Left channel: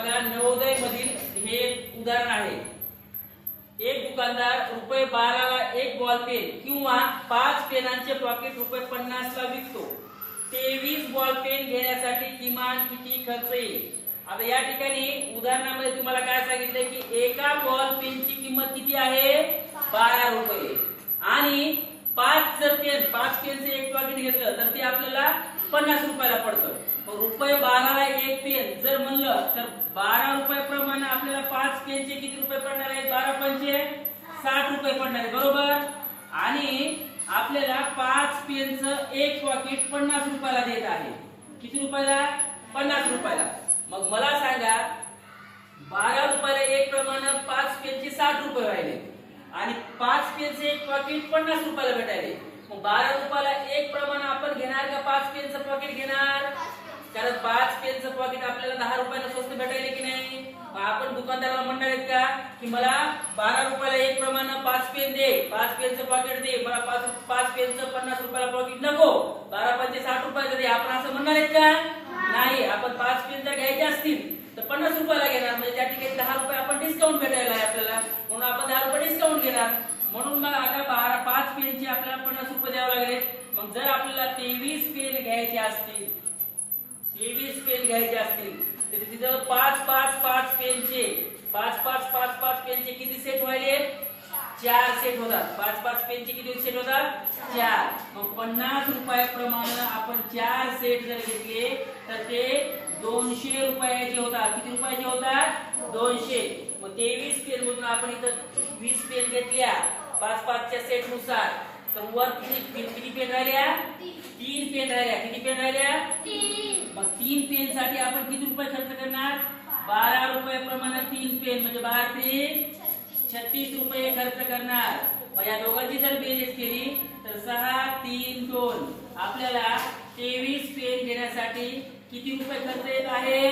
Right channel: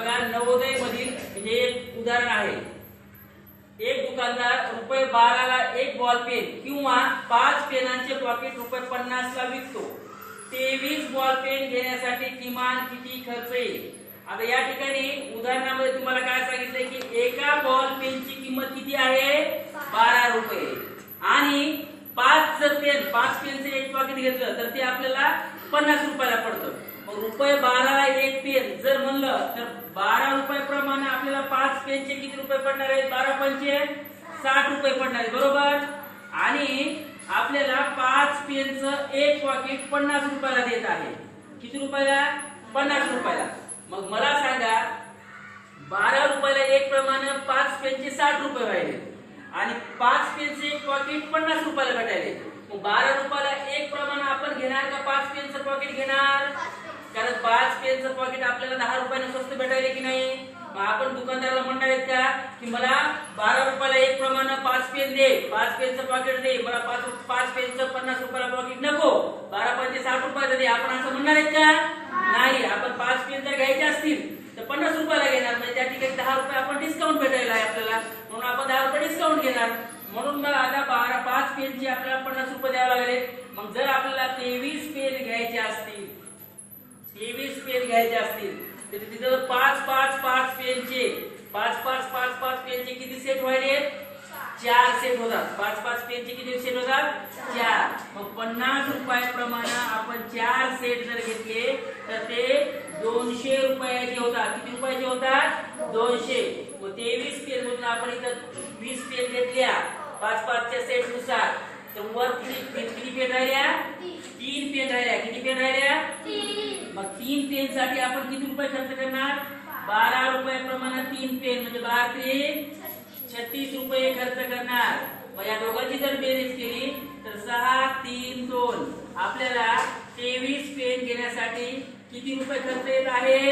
बघा नवोदय मधील हे एक उदाहरण आहे। एक दुकानदार ₹12 ला एक बॉल पेन किंवा 5 पेनांचे पॉकेट ₹50 ला विकतो। 23 बॉल पेन घेण्यासाठी किमान किती खर्च येईल? आता या ठिकाणी उदाहरणामध्ये तुम्हाला काय सांगितलंय की एका बॉल पेनची किंमत किती आहे? ₹12 आणि 5 पेनचे एक पॉकेट घेतलं तर ते आपल्याला ₹50 ला पडतं। ₹12 ला एक पेन जर म्हणलं तर ₹12 प्रमाणे आपल्याला 5 पेनचे किती रुपये पडणार आहेत? 12 पंचे ₹60 पडणार आहेत, बरोबर। आणि आपल्याला 5 पेनचं एक पॉकेट ₹50 ला देत आहे। किती रुपयाला? ₹50। मग मला सांगा ₹12 ला एक प्रमाणे 5 पेनचे ₹60 व्हायले आणि 5 पेनचे एक पॉकेट ₹50 ला भेटायले। मग ₹12 ला एक प्रमाणे आपण घेणार का 5 पेनचं पॉकेट घेणार? कारण 5 पेनचं पॉकेट आपल्याला ₹10 स्वस्त भेटायले की नाही? आपण दुकानदाराला म्हणणार आहेत का की मला ₹12 ला एक प्रमाणे 5 पेन दे, 5 पेनचं पॉकेट दे, मला 5 पेनचं ₹50 ला पॉकेट नको, 12 पंचे ₹60 दे, आपण असं म्हणणार आहेत का? नाही। आपण 5 पेन जर घ्यायचे असतील तर ₹50 ला घेणार, म्हणजे त्या ठिकाणी ₹10 आपण डिस्काउंट भेटायला आहे आपल्याला, म्हणून आपण ₹10 डिस्काउंट घेणार। म्हणून मग आता 5 पेनचे आपल्याला ₹50 द्यावे लागले। मग जर आपल्याला 23 पेन घ्यायचे असतील, 23 पेन घ्यायचे असतील तर तिथं 5 पेनचे 5 पेनचे किती सेट व्हायले? 4 सेट होतात। 5 पेनचे किती सेट होतात? 4। मग ₹50 प्रमाणे आपण 4 सेट जर घेतले तर ते ₹200 होतात। किती रुपयाचे होतात? 200। मग 23 पेन मधून आपण इथं 20 पेन घेतल्या 5 च्या सेट नुसार, तर वर किती पेन राहिल्या? 3 पेन राहिल्या। किती पेन राहिल्या? 3। मग 3 पेन साठी आपण किती रुपये खर्च करणार? ₹12 प्रमाणे 3 पेन म्हणजे 12 ₹36 खर्च करणार। मग या दोघांची जर बेरीज केली तर 6, 3, 2 आपल्याला 23 पेन घेण्यासाठी किती रुपये खर्च येत आहे?